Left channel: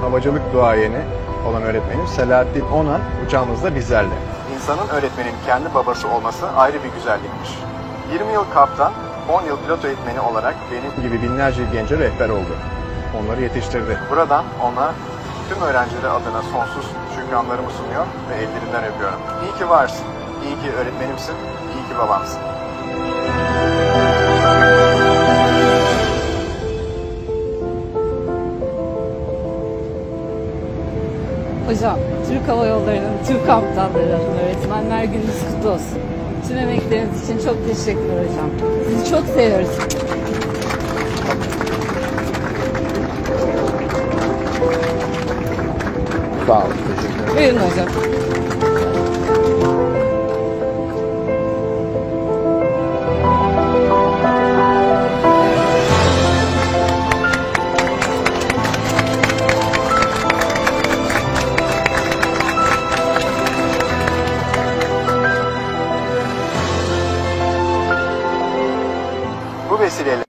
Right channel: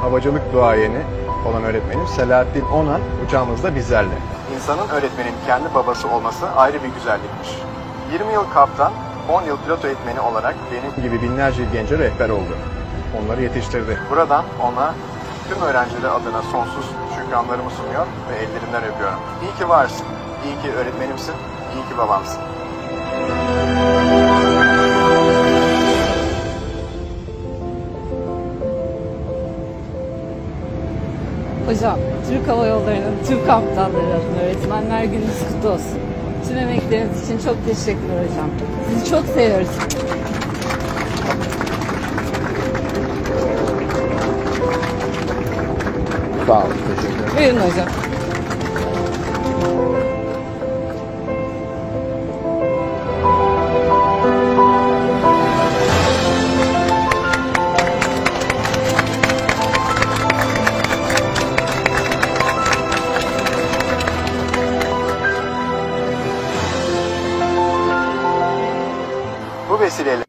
Havacılık duayeni olan öğretmenim Selahattin Onan uçağımızda bizlerle. İnsanın öğretmenin kendi babası olması ayrı bir güzellikmiş. 20 yıl kaptan, 10 yıl pilot eğitmeni olarak benim gibi binlerce gence rehber oldu. Onları yetiştirdi. Buradan ona tüm öğrencileri adına sonsuz şükranlarımı sunuyor ve ellerinden öpüyorum. İyi ki varsın, iyi ki öğretmenimsin, iyi ki babamsın. Hocam, Türk Hava Yolları'nın tüm kaptanları adına Öğretmenler Gününüz kutlu olsun. Tüm emekleriniz için çok teşekkürler hocam. Sizi çok seviyoruz. Sağ olun, teşekkür ederim. Buyurun hocam. Bu vesileyle